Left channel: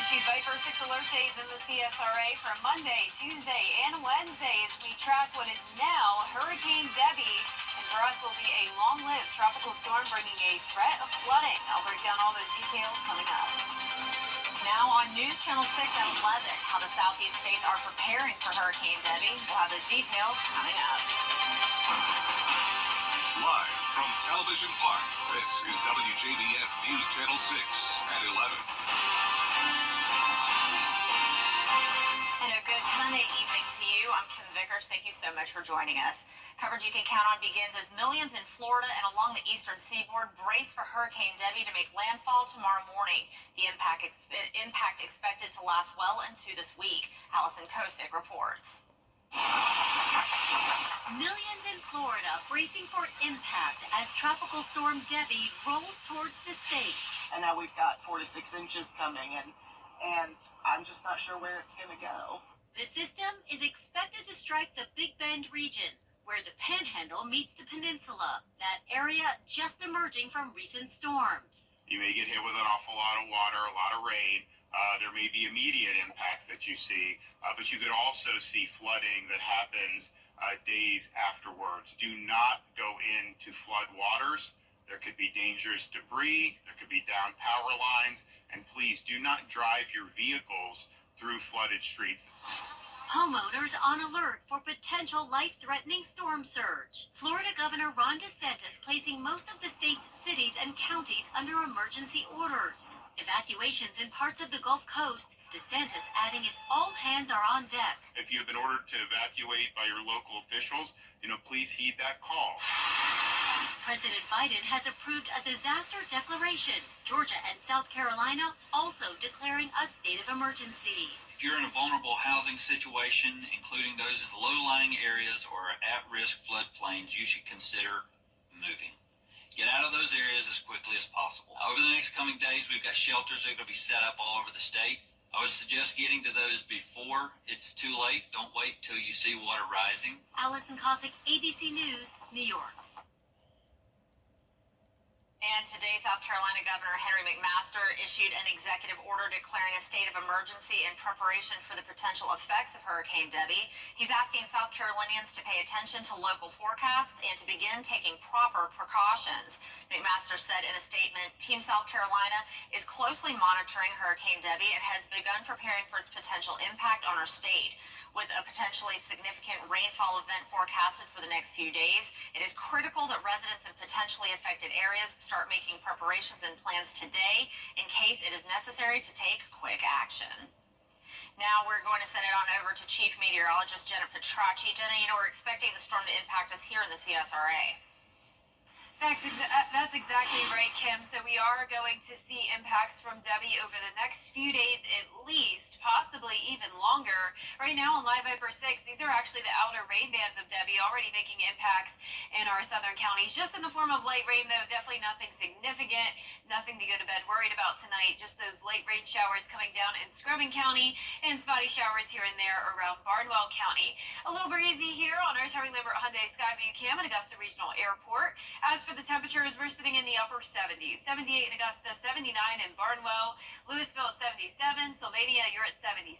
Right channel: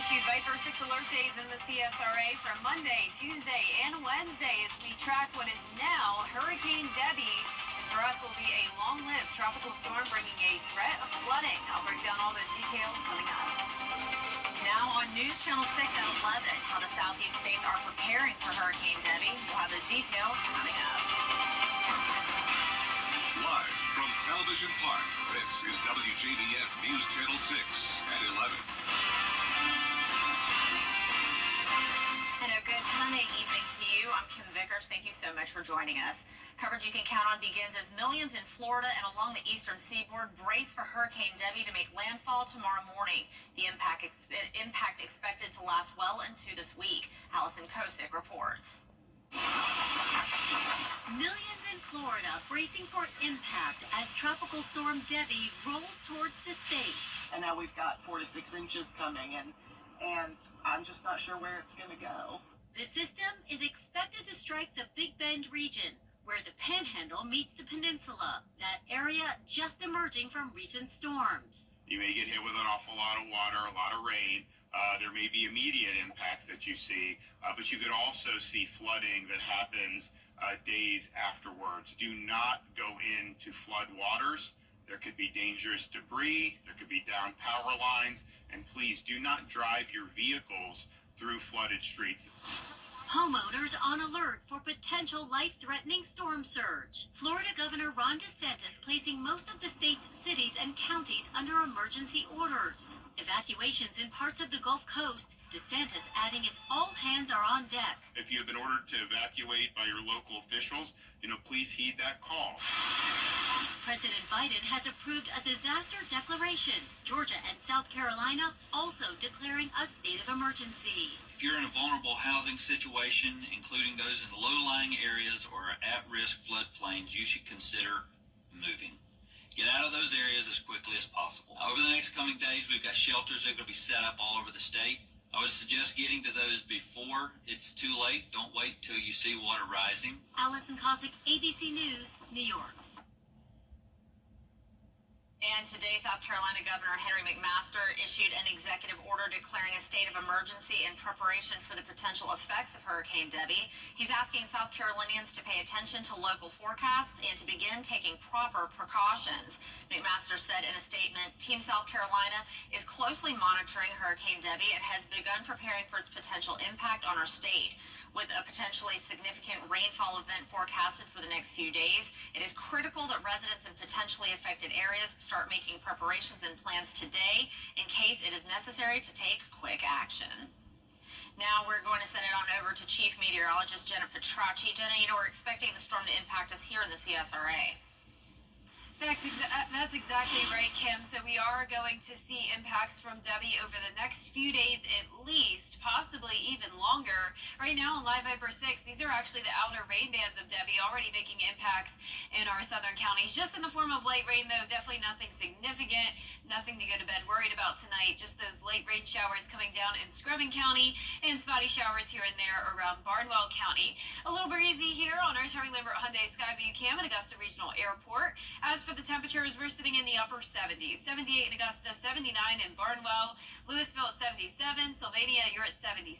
issued Viper 6 alert days in the CSRA from Monday, Tuesday, and Wednesday as we track what is now Hurricane Debbie. And for us will be a long-lived tropical storm bringing a threat of flooding. I'll break down all those details coming up. Now on News Channel 6 at 11, how the southeast states are preparing for Hurricane Debbie. We'll have those details coming up. Live from Television Park, this is WJBF News Channel 6 at 11. And a good Sunday evening to you. I'm Kim Vickers. Thank you so much for joining us. Coverage you can count on begins as millions in Florida and along the eastern seaboard brace for Hurricane Debbie to make landfall tomorrow morning. The impact expected to last well into this week. Allison Kosick reports. Millions in Florida bracing for impact as Tropical Storm Debbie rolls towards the state. And now we've got 4 to 6 inches coming, and I'm just not sure where it's going to go. The system is expected to strike the Big Bend region, where the Panhandle meets the peninsula, that area just emerging from recent storms. You may get hit with an awful lot of water, a lot of rain. There may be immediate impacts that you see, but you could also see flooding that happens days afterwards. Do not go into flood waters. There could be dangerous debris, there could be down power lines, and please do not drive your vehicles through flooded streets. Homeowners on alert for potential life-threatening storm surge. Florida Governor Ron DeSantis placing most of the state's cities and counties under emergency orders. Evacuations in parts of the Gulf Coast, DeSantis adding it's all hands are on deck. If you have been ordered to evacuate by your local officials, please heed that call. President Biden has approved a disaster declaration. Georgia and South Carolina also declaring a state of emergency. If you're in a vulnerable housing situation, including those in low-lying areas or at-risk floodplains, you should consider moving. Get out of those areas as quickly as possible. Over the next coming days, we've got shelters that are going to be set up all over the state. I would suggest getting to those before it's too late. Don't wait till you see water rising. Allison Kosick, ABC News, New York. And today, South Carolina Governor Henry McMaster issued an executive order declaring a state of emergency in preparation for the potential effects of Hurricane Debbie. He's asking South Carolinians to pay attention to local forecasts and to begin taking proper precautions. McMaster said in a statement, Team South Carolina is closely monitoring Hurricane Debbie and has begun preparing for its potential impact on our state. With a potentially significant rainfall event forecasted for the next few days, it is critical that residents in potentially affected areas start making preparations and plans today in case it is necessary to take quick action. Now we're going to send it on over to Chief Meteorologist Jenna Petracci. Jenna, we're expecting the storm to impact us here in the CSRA. That's exactly right, Kim. So we are going to see impacts from Debbie over the next few days at least, possibly even longer. Right now on Live Viper 6, these are actually the outer rain bands of Debbie already making impacts in our southern counties. Just in the form of light rain, though, definitely nothing significant, nothing to go to bed worried about tonight. Just those light rain showers coming down in Scrubbin County and spotty showers here and there around Barnwell County. A little breezy here on our Terry Lambert Hyundai Skyview Cam at Augusta Regional Airport. As for the temperatures, we're sitting in the upper 70s. 78 in Augusta, 79 in Barnwell, Louisville at 77, Sylvania, you're at 76,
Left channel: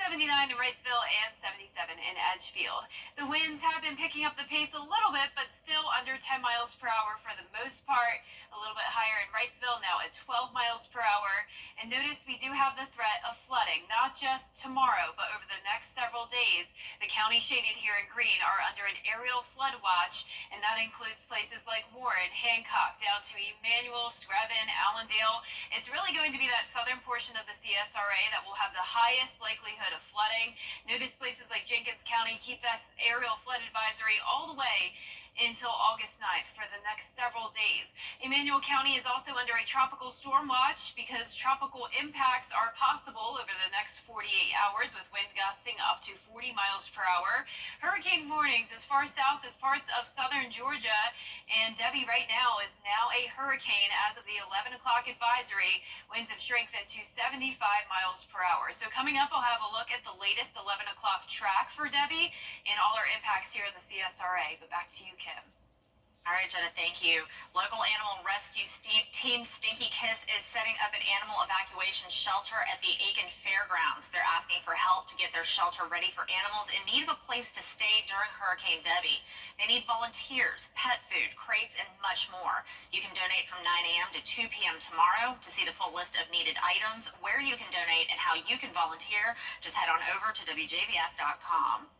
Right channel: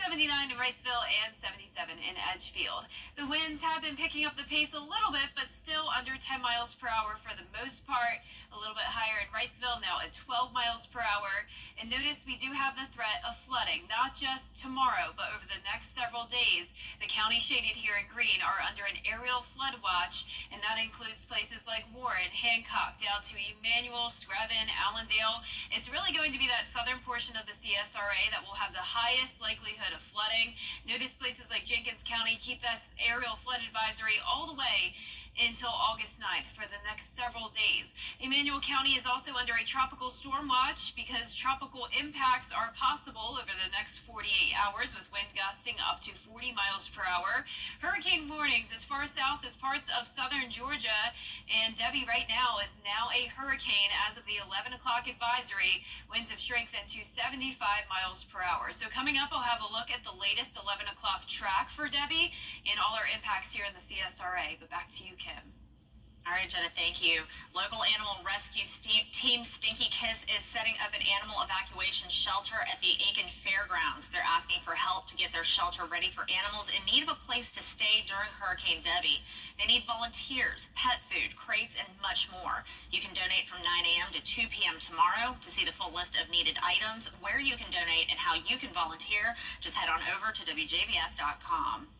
79 in Wrightsville, and 77 in Edgefield. The winds have been picking up the pace a little bit, but still under 10 miles per hour for the most part. A little bit higher in Wrightsville, now at 12 miles per hour. And notice we do have the threat of flooding, not just tomorrow, but over the next several days. The counties shaded here in green are under an aerial flood watch, and that includes places like Warren, Hancock, down to Emmanuel, Screven, Allendale. It's really going to be that southern portion of the CSRA that will have the highest likelihood of flooding. Notice places like Jenkins County keep this aerial flood advisory all the way until August 9th for the next several days. Emmanuel County is also under a tropical storm watch because tropical impacts are possible over the next 48 hours with wind gusting up to 40 miles per hour. Hurricane warnings as far south as parts of southern Georgia, and Debbie right now is now a hurricane as of the 11 o'clock advisory. Winds have strengthened to 75 miles per hour. So coming up, I'll have a look at the latest 11 o'clock track for Debbie and all our impacts here in the CSRA. But back to you, Kim. All right, Jenna, thank you. Local animal rescue team Stinky Kiss is setting up an animal evacuation shelter at the Aiken Fairgrounds. They're asking for help to get their shelter ready for animals in need of a place to stay during Hurricane Debbie. They need volunteers, pet food, crates, and much more. You can donate from 9 a.m. to 2 p.m. tomorrow. To see the full list of needed items, where you can donate, and how you can volunteer, just head on over to WJBF.com.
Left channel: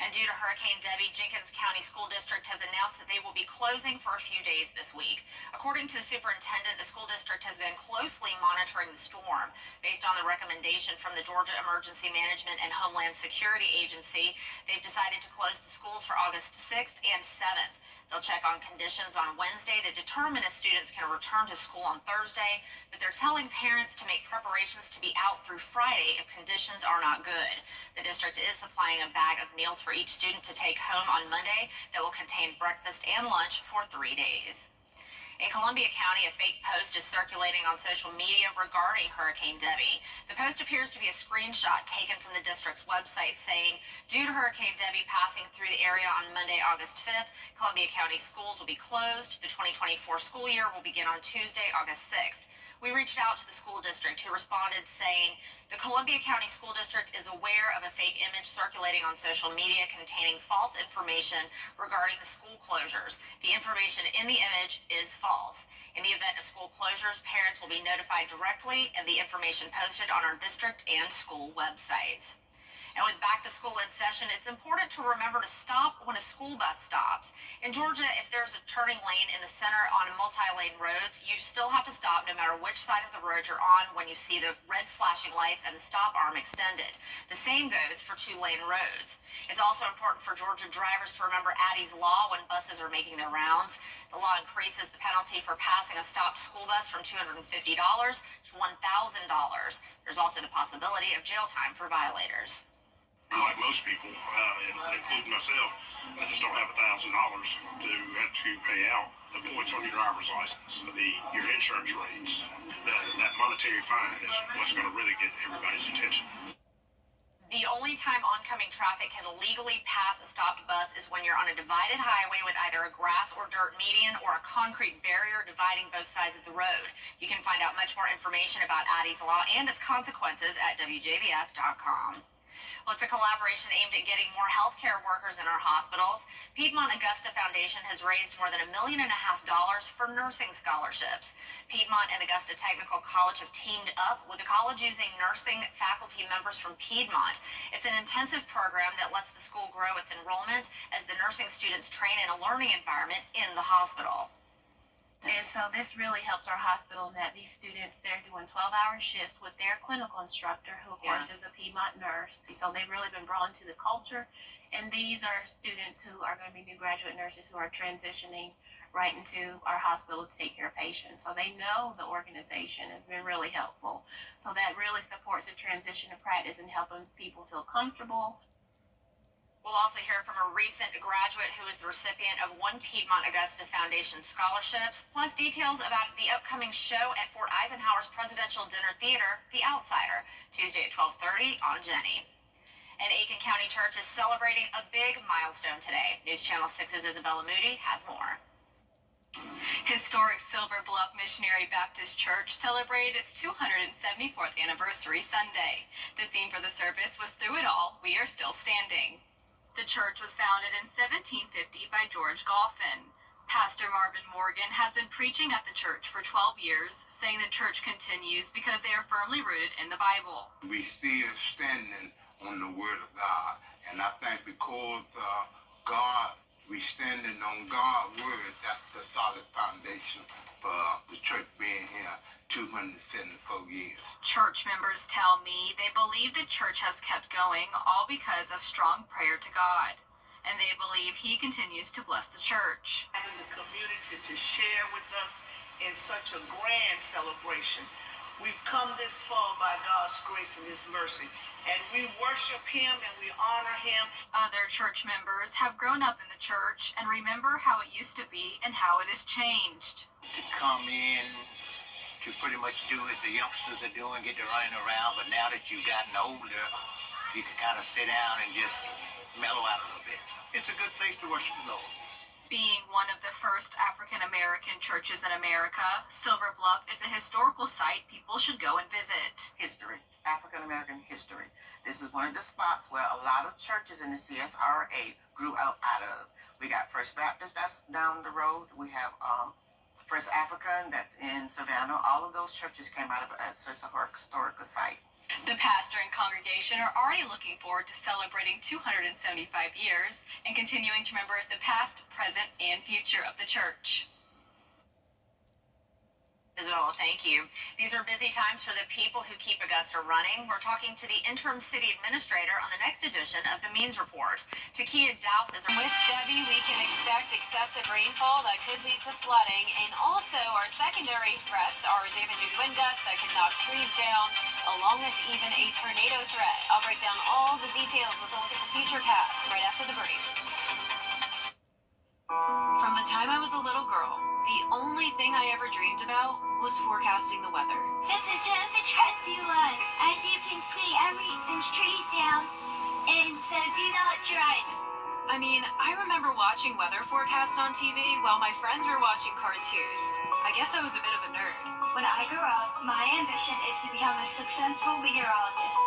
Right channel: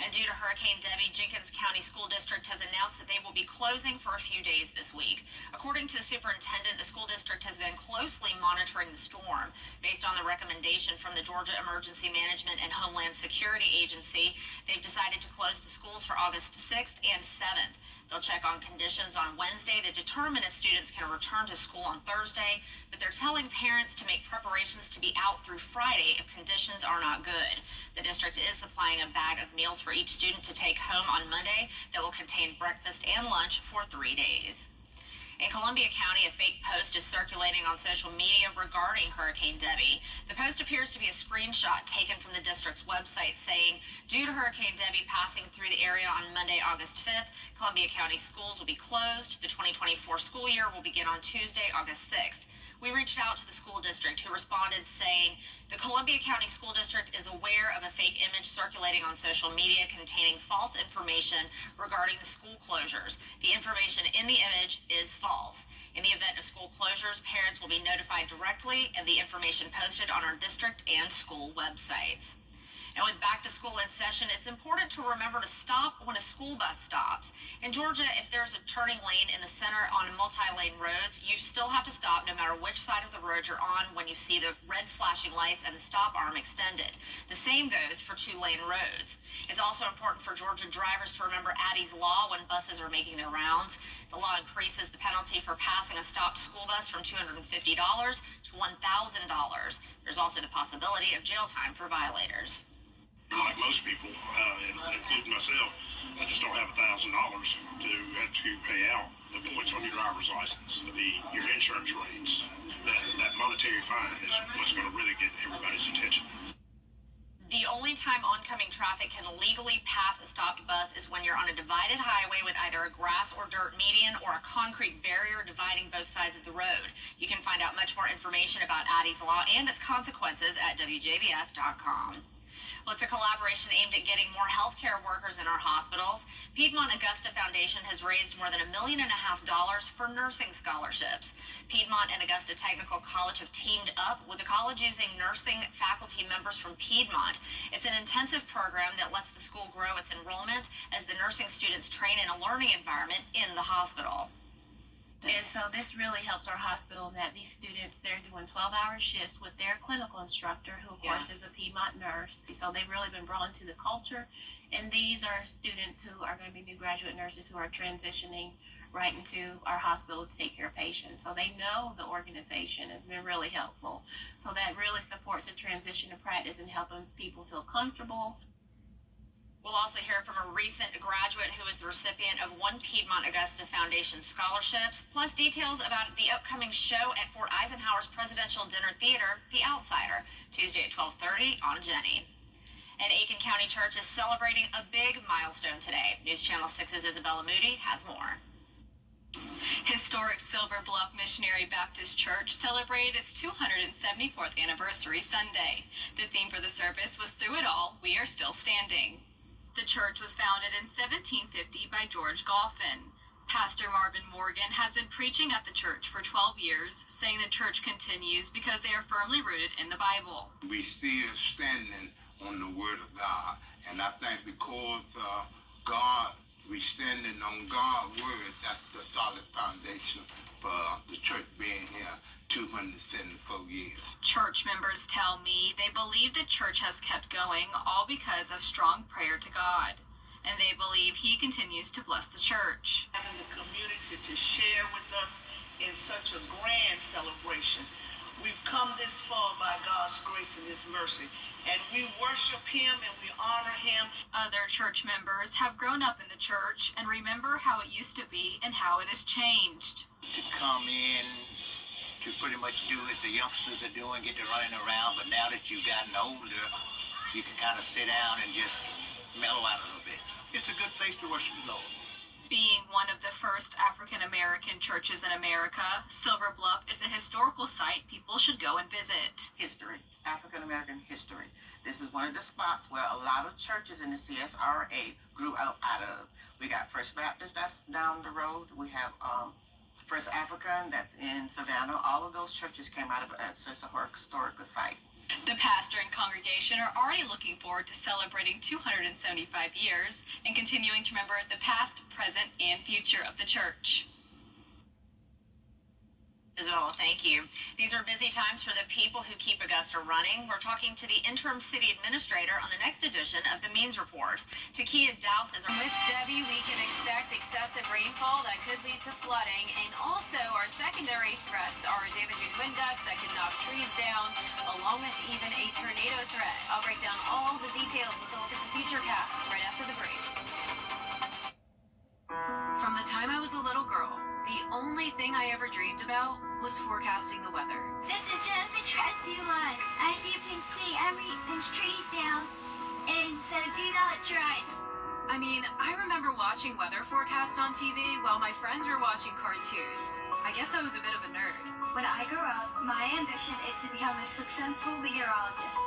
And due to Hurricane Debbie, Jenkins County School District has announced that they will be closing for a few days this week. According to the superintendent, the school district has been closely monitoring the storm. Based on the recommendation from the Georgia Emergency Management and Homeland Security Agency, they've decided to close the schools for August 6th and 7th. They'll check on conditions on Wednesday to determine if students can return to school on Thursday, but they're telling parents to make preparations to be out through Friday if conditions are not good. The district is supplying a bag of meals for each student to take home on Monday that will contain breakfast and lunch for 3 days. In Columbia County, a fake post is circulating on social media regarding Hurricane Debbie. The post appears to be a screenshot taken from the district's website saying, due to Hurricane Debbie passing through the area on Monday, August 5th, Columbia County schools will be closed. The 2024 school year will begin on Tuesday, August 6th. We reached out to the school district, who responded saying, the Columbia County School District is aware of a fake image circulating on social media containing false information regarding the school closures. The information in the image is false. In the event of school closures, parents will be notified directly, and the information posted on our district and school websites. And with back to school in session, it's important to remember to stop when a school bus stops. In Georgia, if there's a turning lane in the center on multi-lane roads, you still have to stop no matter which side of the road you're on when you see the red flashing lights and the stop arm extended. The same goes for two-lane roads. It's also important for Georgia drivers to remember Addie's Law when buses are making their rounds. The law increases the penalty for passing a stopped school bus from $250 to $1,000. There's also the possibility of jail time for violators. Like most people, including myself, I just don't have $1,000 to have to pay out. The points on your driver's license, your insurance rates, that monetary fine is what's going to really get everybody's attention. The only time oncoming traffic can legally pass a stopped bus is when you're on a divided highway with either a grass or dirt median or a concrete barrier dividing both sides of the road. You can find out much more information about Addie's Law and its consequences at WJBF.com. Well, it's a collaboration aimed at getting more healthcare workers in our hospitals. Piedmont Augusta Foundation has raised more than $1.5 million for nursing scholarships. Piedmont and Augusta Technical College have teamed up with the college using nursing faculty members from Piedmont. It's an intensive program that lets the school grow its enrollment as the nursing students train in a learning environment in the hospital. And so this really helps our hospital in that these students, they're doing 12-hour shifts with their clinical instructor, who of course is a Piedmont nurse. So they've really been brought into the culture. And these are students who are going to be new graduate nurses who are transitioning right into our hospital to take care of patients. So they know the organization has been really helpful. So that really supports the transition to practice and helping people feel comfortable. We'll also hear from a recent graduate who is the recipient of one Piedmont Augusta Foundation scholarships, plus details about the upcoming show at Fort Eisenhower's Presidential Dinner Theater, The Outsider, Tuesday at 12:30 on Jenny. And Aiken County Church is celebrating a big milestone today. News Channel 6's Isabella Moody has more. Historic Silver Bluff Missionary Baptist Church celebrated its 274th anniversary Sunday. The theme for the service was "Through It All, We Are Still Standing." The church was founded in 1750 by George Goffin. Pastor Marvin Morgan has been preaching at the church for 12 years, saying the church continues because they are firmly rooted in the Bible. We still standing on the Word of God, and I think because we standing on God's Word, that's the solid foundation for the church being here 274 years. Church members tell me they believe the church has kept going all because of strong prayer to God, and they believe He continues to bless the church. Having the community to share with us in such a grand celebration. We've come this far by God's grace and His mercy, and we worship Him and we honor Him. Other church members have grown up in the church and remember how it used to be and how it has changed. To come in to pretty much do as the youngsters are doing, get to running around, but now that you've gotten older, you can kind of sit down and just mellow out a little bit. It's a good place to worship the Lord. Being one of the first African American churches in America, Silver Bluff is a historical site people should go and visit. History, African American history. This is one of the spots where a lot of churches in the CSRA grew out of. We got First Baptist, that's down the road. We have First African, that's in Savannah. All of those churches came out of it, so it's a historical site. The pastor and congregation are already looking forward to celebrating 275 years and continuing to remember the past, present, and future of the church. Isabella, thank you. These are busy times for the people who keep Augusta running. We're talking to the interim city administrator on the next edition of the Means Report. Takia Douse is with Debbie. We can expect excessive rainfall that could lead to flooding, and also our secondary threats are damaging wind gusts that could knock trees down, along with even a tornado threat. I'll break down all the details with a look at the futurecast right after the break. From the time I was a little girl, the only thing I ever dreamed about was forecasting the weather. This is Jennifer Trexula. As you can see, I'm reading trees down, and so do not drive. I mean, I remember watching weather forecasts on TV while my friends were watching cartoons. I guess I was a bit of a nerd. When I grow up, my ambition is to become a successful meteorologist.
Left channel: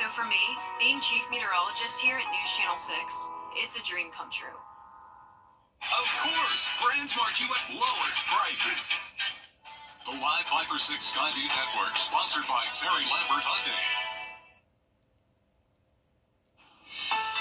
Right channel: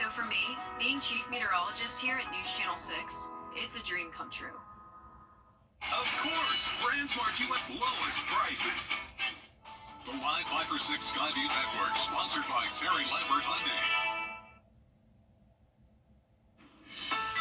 So for me, being chief meteorologist here at News Channel 6, it's a dream come true. Of course, brands mark you at lowest prices. The live Viper 6 Skyview Network, sponsored by Terry Lambert Hyundai.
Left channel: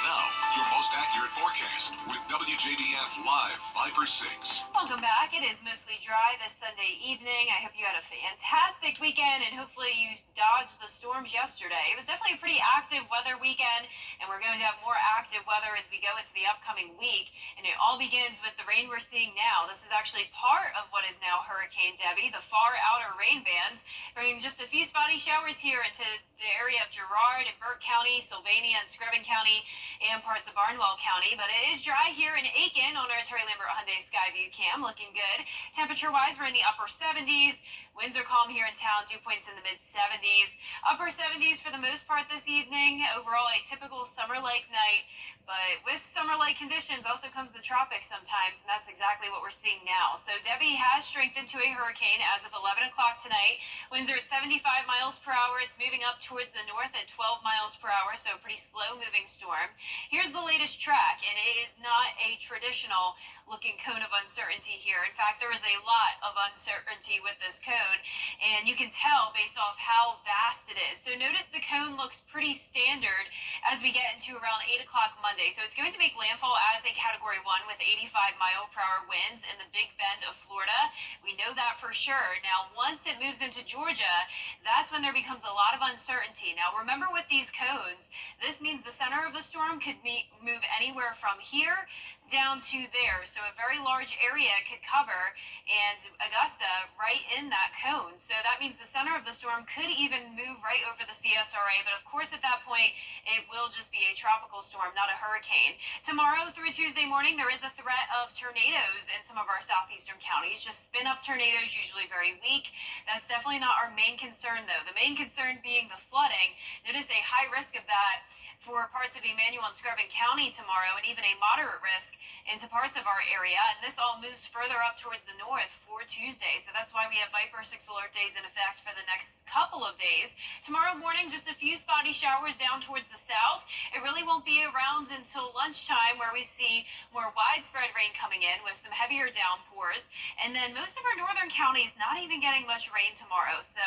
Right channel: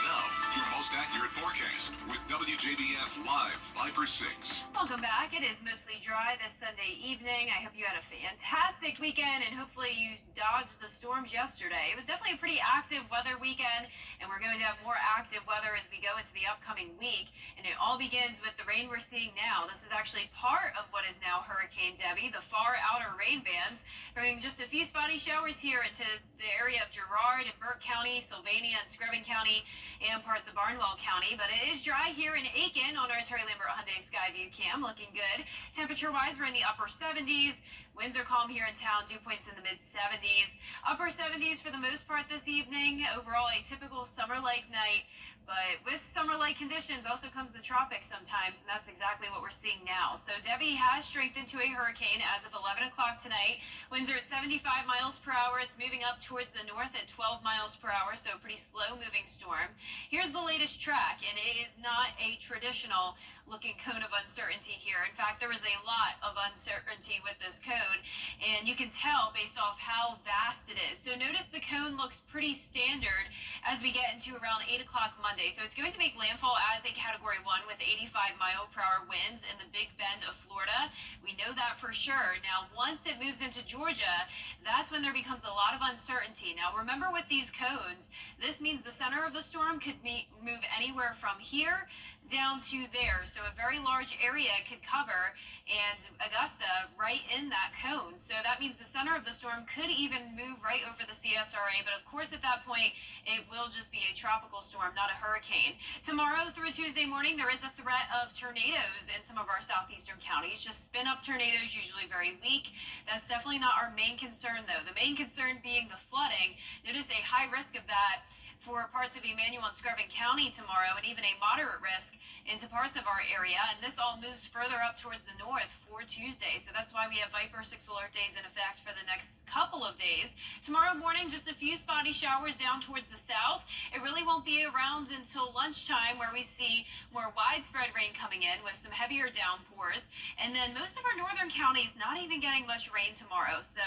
Now, your most accurate forecast with WJBF Live Viper 6. Welcome back. It is mostly dry this Sunday evening. I hope you had a fantastic weekend, and hopefully you dodged the storms yesterday. It was definitely a pretty active weather weekend, and we're going to have more active weather as we go into the upcoming week. And it all begins with the rain we're seeing now. This is actually part of what is now Hurricane Debbie, the far outer rain bands, bringing just a few spotty showers here into the area of Girard and Burke County, Sylvania and Screven County, and parts of Barnwell County. But it is dry here in Aiken on our Terry Lambert Hyundai Skyview cam, looking good. Temperature-wise, we're in the upper 70s. Winds are calm here in town, dew points in the mid-70s. Upper 70s for the most part this evening. Overall, a typical summer-like night. But with summer-like conditions also comes the tropics sometimes, and that's exactly what we're seeing now. So Debbie has strengthened to a hurricane as of 11 o'clock tonight. Winds are at 75 miles per hour. It's moving up towards the north at 12 miles per hour, so a pretty slow-moving storm. Here's the latest track, and it is not a traditional looking cone of uncertainty here. In fact, there is a lot of uncertainty with this cone, and you can tell based off how vast it is. So notice the cone looks pretty standard as we get into around 8 o'clock Monday. So it's going to make landfall as a Category 1 with 85 mile per hour winds in the Big Bend of Florida. We know that for sure. Now, once it moves into Georgia, that's when there becomes a lot of uncertainty. Now, remember with these cones, this means the center of the storm could move anywhere from here down to there. So a very large area could cover, and Augusta right in that cone. So that means the center of the storm could even move right over the CSRA. But of course, at that point, it will just be a tropical storm, not a hurricane. Tomorrow through Tuesday morning, there is a threat of tornadoes in some of our southeastern counties. Just spin up tornadoes, usually very weak. That's definitely not our main concern, though. The main concern being the flooding. Notice a high risk of that for parts of Emmanuel and Screven County tomorrow, and even a moderate risk into parts of our area. And this all moves further up towards the north for Tuesday. So that's why we have Viper 6 alert days in effect for the next couple of days. Tomorrow morning, just a few spotty showers down towards the south. It really won't be around until lunchtime, where we see more widespread rain coming in with some heavier downpours. And then most of our northern counties not even getting much rain tomorrow. So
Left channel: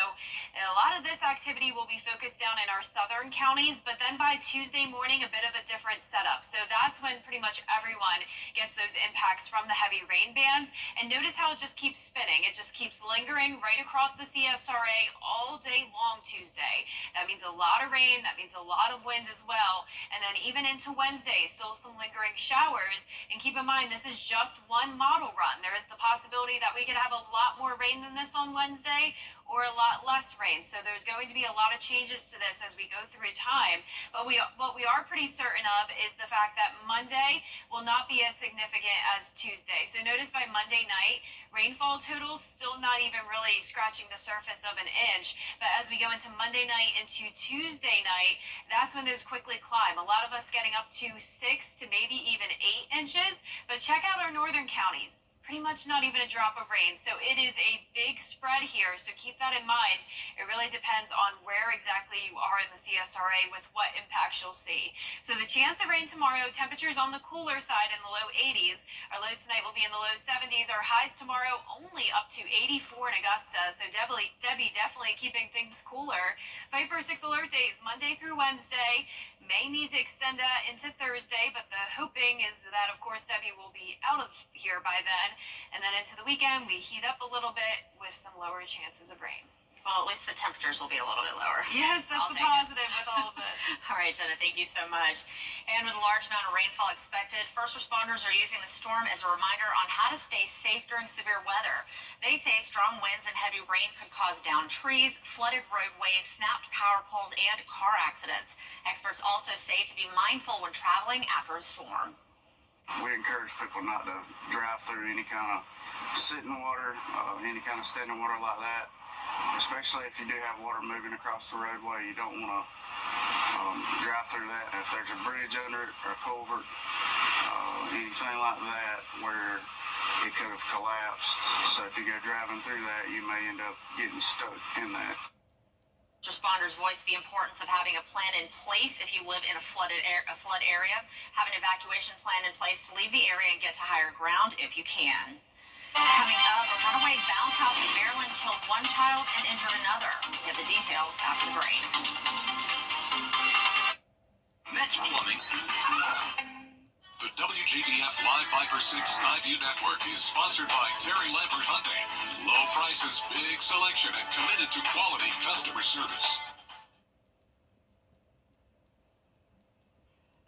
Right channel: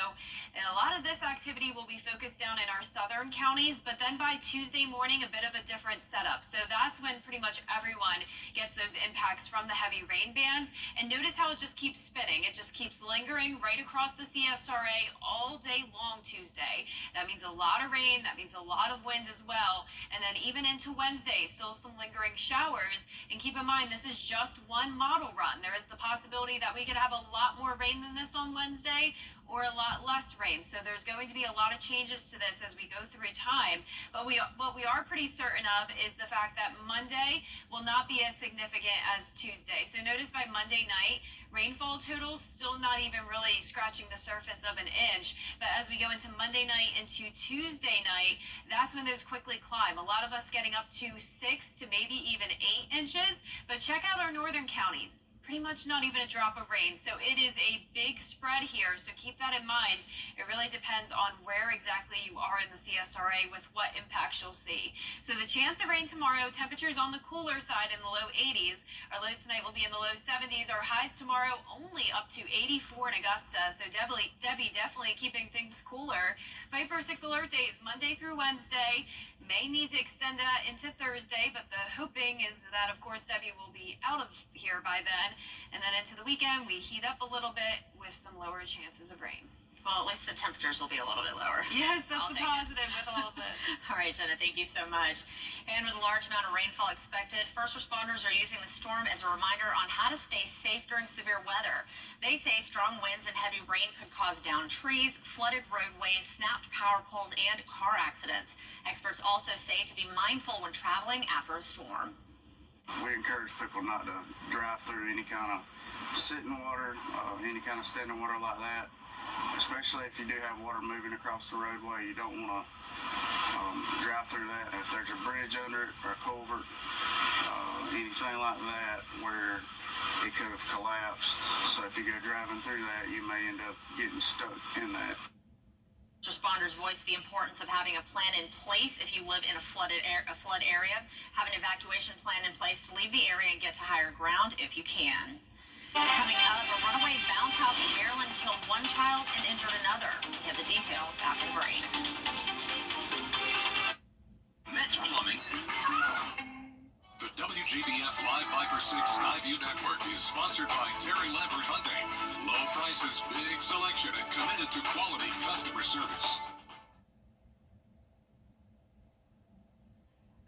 a lot of this activity will be focused down in our southern counties, but then by Tuesday morning, a bit of a different setup. So that's when pretty much everyone gets those impacts from the heavy rain bands. And notice how it just keeps spinning. It just keeps lingering right across the CSRA all day long Tuesday. That means a lot of rain. That means a lot of wind as well. And then even into Wednesday, still some lingering showers. And keep in mind, this is just one model run. There is the possibility that we could have a lot more rain than this on Wednesday, or a lot less rain. So there's going to be a lot of changes to this as we go through time. But what we are pretty certain of is the fact that Monday will not be as significant as Tuesday. So notice by Monday night, rainfall totals still not even really scratching the surface of an inch. But as we go into Monday night into Tuesday night, that's when those quickly climb. A lot of us getting up to 6 to maybe even 8 inches. But check out our northern counties. Pretty much not even a drop of rain. So it is a big spread here. So keep that in mind. It really depends on where exactly you are in the CSRA with what impacts you'll see. So the chance of rain tomorrow, temperatures on the cooler side in the low 80s. Our lows tonight will be in the low 70s. Our highs tomorrow only up to 84 in Augusta. So Debbie definitely keeping things cooler. Viper 6 alert days Monday through Wednesday. May need to extend that into Thursday, but the hoping is that, of course, Debbie will be out of here by then. And then into the weekend, we heat up a little bit with some lower chances of rain. Well, at least the temperatures will be a little bit lower. Yes, that's the positive with all of this. All right, Jenna, thank you so much. And with a large amount of rainfall expected, first responders are using the storm as a reminder on how to stay safe during severe weather. They say strong winds and heavy rain could cause downed trees, flooded roadways, snapped power poles, and car accidents. Experts also say to be mindful when traveling after a storm. We encourage people not to drive through any kind of sitting water, any kind of standing water like that. Especially if you do have water moving across the roadway, you don't want to drive through that. If there's a bridge under it or a culvert, anything like that where it could have collapsed. So if you go driving through that, you may end up getting stuck in that. Responders voice the importance of having a plan in place if you live in a flood area. Have an evacuation plan in place to leave the area and get to higher ground if you can. Coming up, a runaway bounce house in Maryland killed one child and injured another. We have the details after the break. Next Plumbing. The WJBF Live Viper 6 Skyview Network is sponsored by Terry Lambert Hyundai. Low prices, big selection, and committed to quality customer service.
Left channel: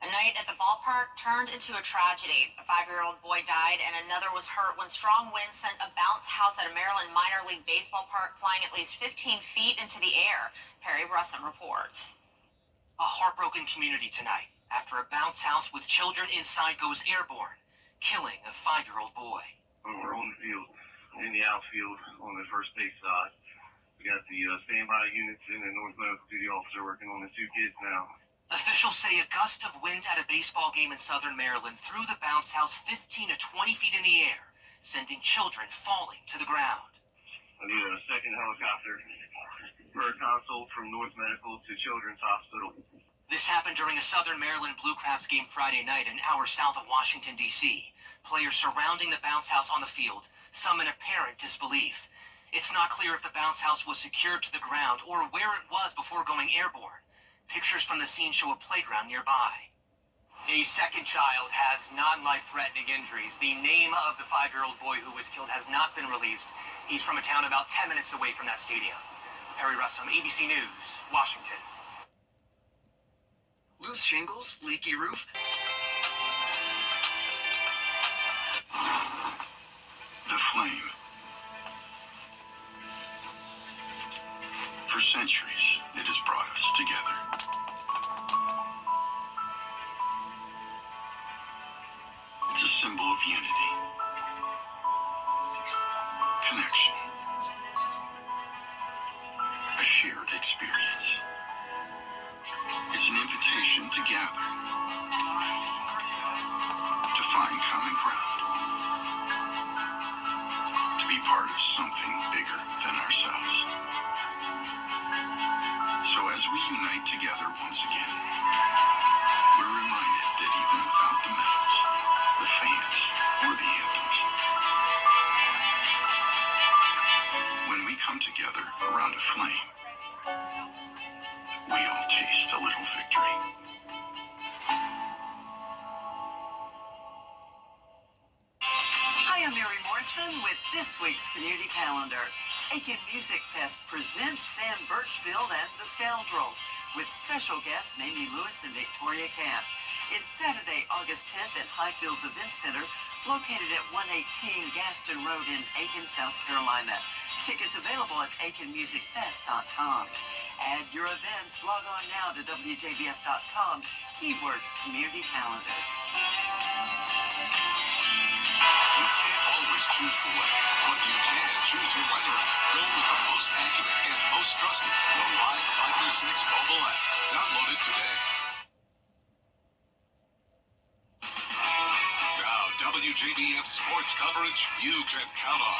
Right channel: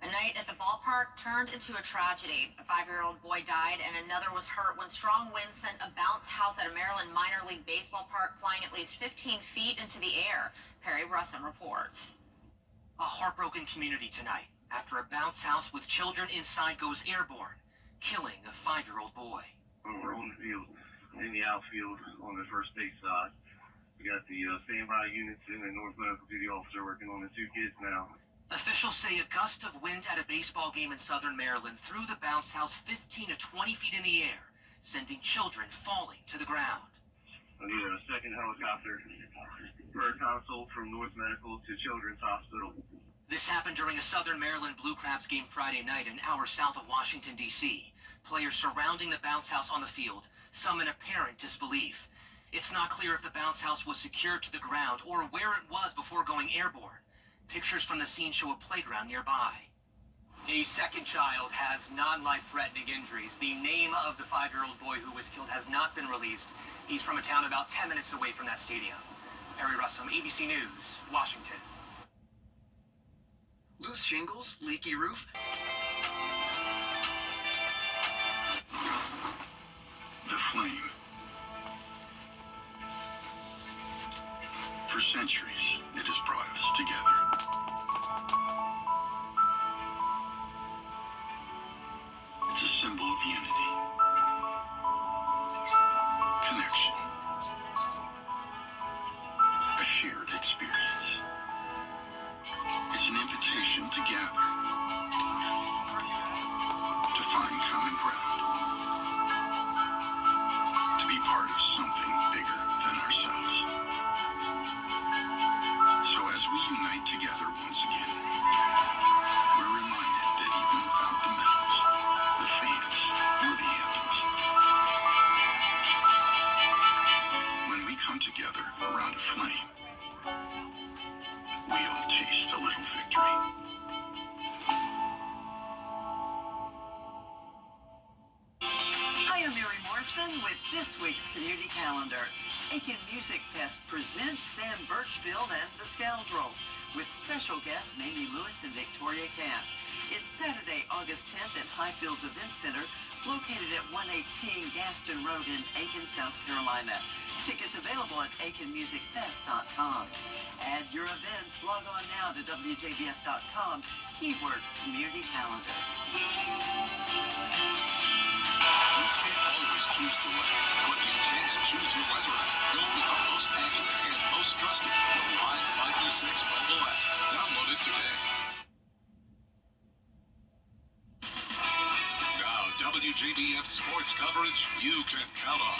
A night at the ballpark turned into a tragedy. A 5-year-old boy died and another was hurt when strong winds sent a bounce house at a Maryland minor league baseball park flying at least 15 feet into the air. Perry Brusson reports. A heartbroken community tonight after a bounce house with children inside goes airborne, killing a 5-year-old boy. We're on the field, in the outfield on the first base side. We got the standby units and the North Medical Duty officer working on the 2 kids now. Officials say a gust of wind at a baseball game in southern Maryland threw the bounce house 15 to 20 feet in the air, sending children falling to the ground. I need a second helicopter for a consult from North Medical to Children's Hospital. This happened during a Southern Maryland Blue Crabs game Friday night, an hour south of Washington, D.C. Players surrounding the bounce house on the field, some in apparent disbelief. It's not clear if the bounce house was secured to the ground or where it was before going airborne. Pictures from the scene show a playground nearby. A second child has non-life-threatening injuries. The name of the 5-year-old boy who was killed has not been released. He's from a town about 10 minutes away from that stadium. Perry Russum, ABC News, Washington. Loose shingles, leaky roof. The flame. For centuries, it has brought us together. It's a symbol of unity, connection, a shared experience. It's an invitation to gather, to find common ground, to be part of something bigger than ourselves. So as we unite together once again, we're reminded that even without the medals, the fans, or the anthems, when we come together around a flame, we all taste a little victory. Hi, I'm Mary Morrison with this week's Community Calendar. Aiken Music Fest presents Sam Birchfield and the Scoundrels with special guests Mamie Lewis and Victoria Camp. It's Saturday, August 10th at Highfields Event Center, located at 118 Gaston Road in Aiken, South Carolina. Tickets available at aikenmusicfest.com. Add your events. Log on now to WJBF.com. Keyword Community Calendar. You can't always choose the weather, but you can choose your weather app. Go with the most accurate and most trusted, the Live 536 mobile app. Download it today. Now, WJBF sports coverage you can count on.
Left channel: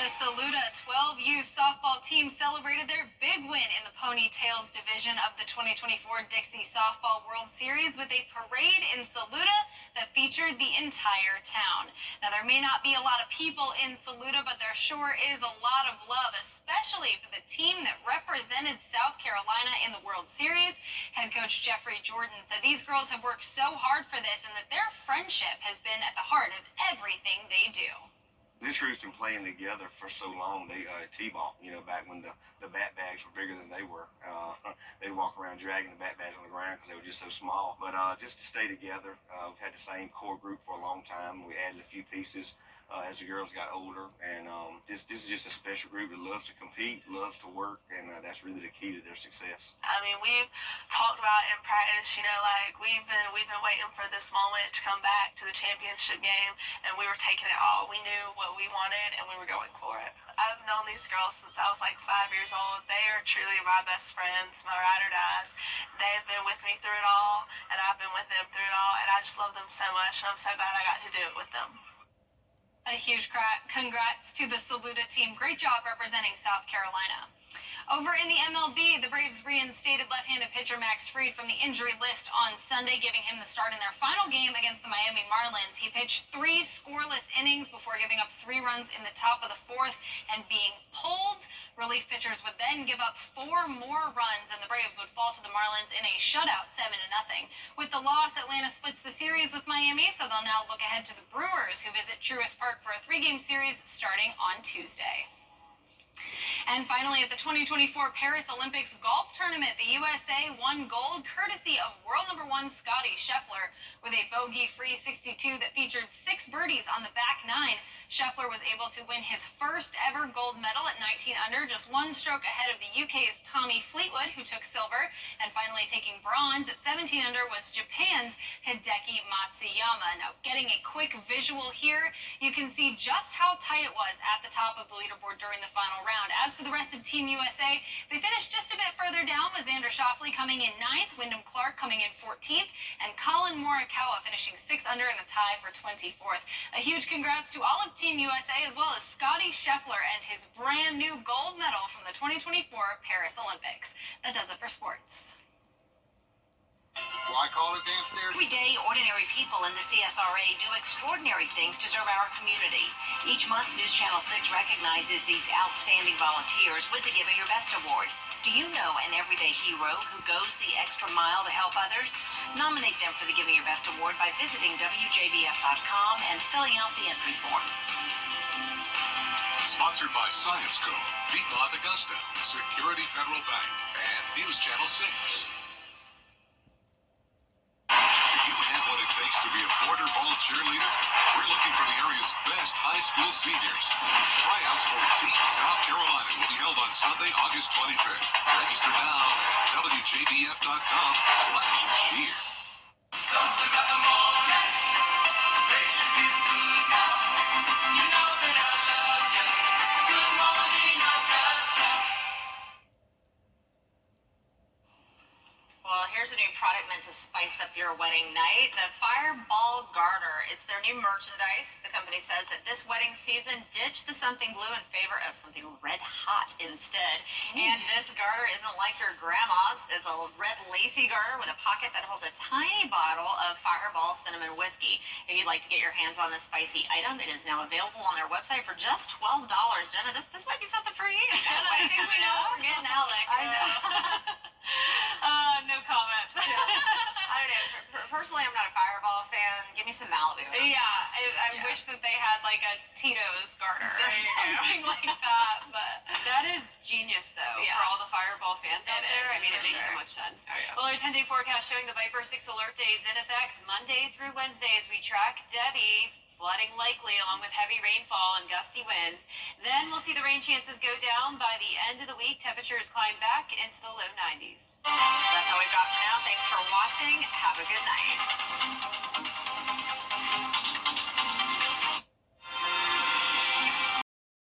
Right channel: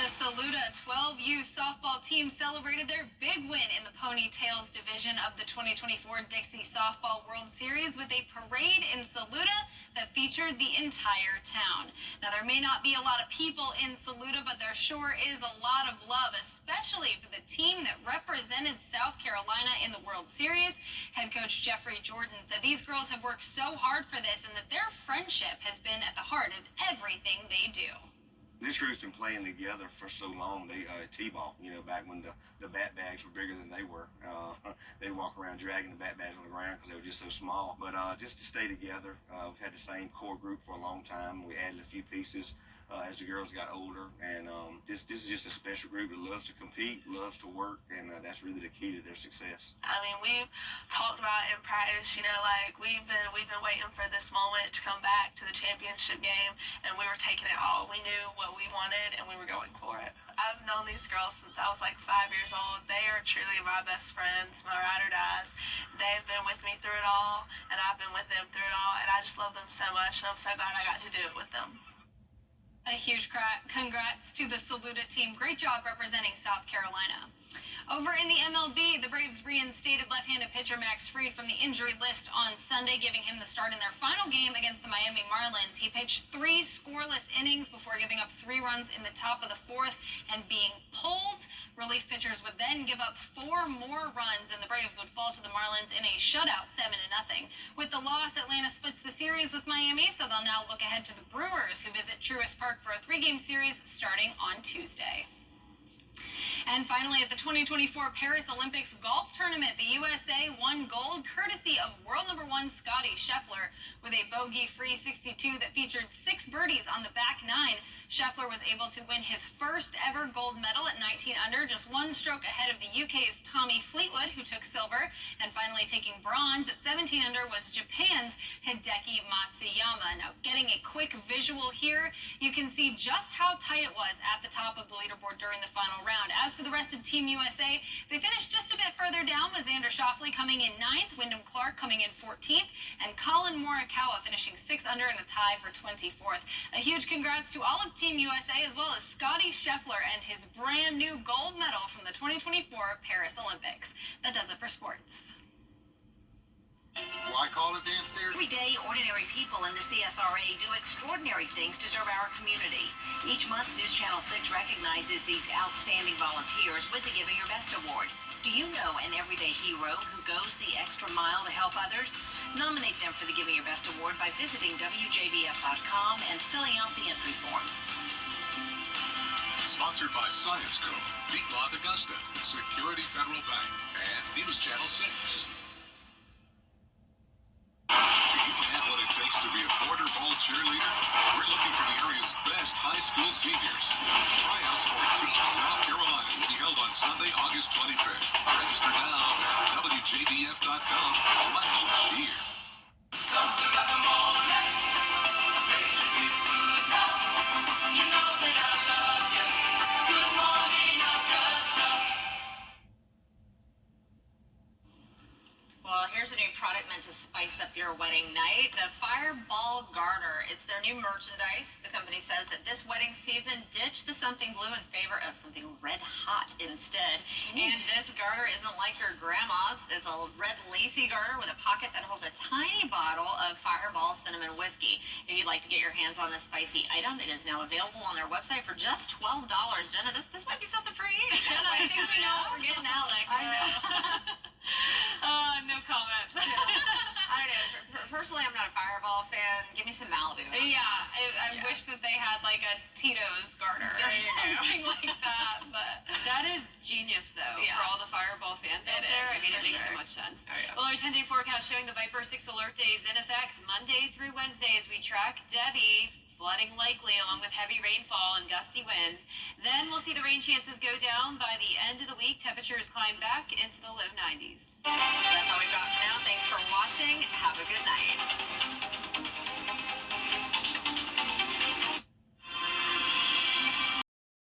The Saluda 12U softball team celebrated their big win in the Ponytails division of the 2024 Dixie Softball World Series with a parade in Saluda that featured the entire town. Now, there may not be a lot of people in Saluda, but there sure is a lot of love, especially for the team that represented South Carolina in the World Series. Head coach Jeffrey Jordan said these girls have worked so hard for this and that their friendship has been at the heart of everything they do. This group's been playing together for so long. They T-ball, back when the bat bags were bigger than they were. They'd walk around dragging the bat bags on the ground because they were just so small. But just to stay together, we've had the same core group for a long time. We added a few pieces as the girls got older, and this is just a special group that loves to compete, loves to work, and that's really the key to their success. I mean, we've talked about in practice, like we've been waiting for this moment to come back to the championship game, and we were taking it all. We knew what we wanted, and we were going for it. I've known these girls since I was like 5 years old. They are truly my best friends, my ride or dies. They've been with me through it all, and I've been with them through it all, and I just love them so much, and I'm so glad I got to do it with them. A huge congrats to the Saluda team. Great job representing South Carolina. Over in the MLB, the Braves reinstated left-handed pitcher Max Fried from the injury list on Sunday, giving him the start in their final game against the Miami Marlins. He pitched 3 scoreless innings before giving up 3 runs in the top of the 4th and being pulled. Relief pitchers would then give up 4 more runs, and the Braves would fall to the Marlins in a shutout 7-0. With the loss, Atlanta splits the series with Miami, so they'll now look ahead to the Brewers, who visit Truist Park for a 3-game series starting on Tuesday. And finally, at the 2024 Paris Olympics golf tournament, the USA won gold courtesy of world number 1 Scotty Scheffler with a bogey-free 62 that featured 6 birdies on the back 9. Scheffler was able to win his first ever gold medal at 19 under, just 1 stroke ahead of the UK's Tommy Fleetwood, who took silver. And finally taking bronze at 17 under was Japan's Hideki Matsuyama. Now, getting a quick visual here, you can see just how tight it was at the top of the leaderboard during the final round. As for the rest of Team USA, they finished just a bit further down with Xander Schauffele coming in 9th, Wyndham Clark coming in 14th, and Colin Morikawa finishing 6 under in a tie for 24th. A huge congrats to all of Team USA, as well as Scotty Scheffler and his brand new gold medal from the 2024 Paris Olympics. That does it for sports. Why call it Dance Stairs? Every day, ordinary people in the CSRA do extraordinary things to serve our community. Each month, News Channel 6 recognizes these outstanding volunteers with the Giving Your Best Award. Do you know an everyday hero who goes the extra mile to help others? Nominate them for the Giving Your Best Award by visiting WJBF.com and filling out the entry form. Sponsored by Science Co., Piedmont Augusta, Security Federal Bank, and News Channel 6. Do you have what it takes to be a border ball cheerleader? We're looking for the area's best high school seniors. Tryouts for Team South Carolina will be held on Sunday, August 25th. Register now at WJBF.com/cheer. Something about the morning. They should be good now. You know that I love you. Good morning, Augusta. Well, here's a new product meant to spice up your wedding night, the Fireball Garter. It's their new merchandise. The company says that this wedding season, ditch the something blue in favor of something red hot instead. And this garter isn't like your grandma's. It's a red lacy garter with a pocket that holds a tiny bottle of Fireball cinnamon whiskey. If you'd like to get your hands on this spicy item, it is now available on their website for just $12. Jenna, this might be something for you. Jenna, I think we know what we're getting, Alex. I know. No comment. I don't know. Personally, I'm not a Fireball fan. Give me some Malibu. Yeah, I wish that they had like a Tito's garter or something like that. But that is genius, though, for all the Fireball fans out there. I mean, it makes so much sense. Well, our 10-day forecast showing the Viper 6 alert days in effect Monday through Wednesday as we track Debbie Flooding likely along with heavy rainfall and gusty winds. Then we'll see the rain chances go down. By the end of the week, temperatures climb back into the low 90s. That's all we've got for now. Thanks for watching. Have a good night.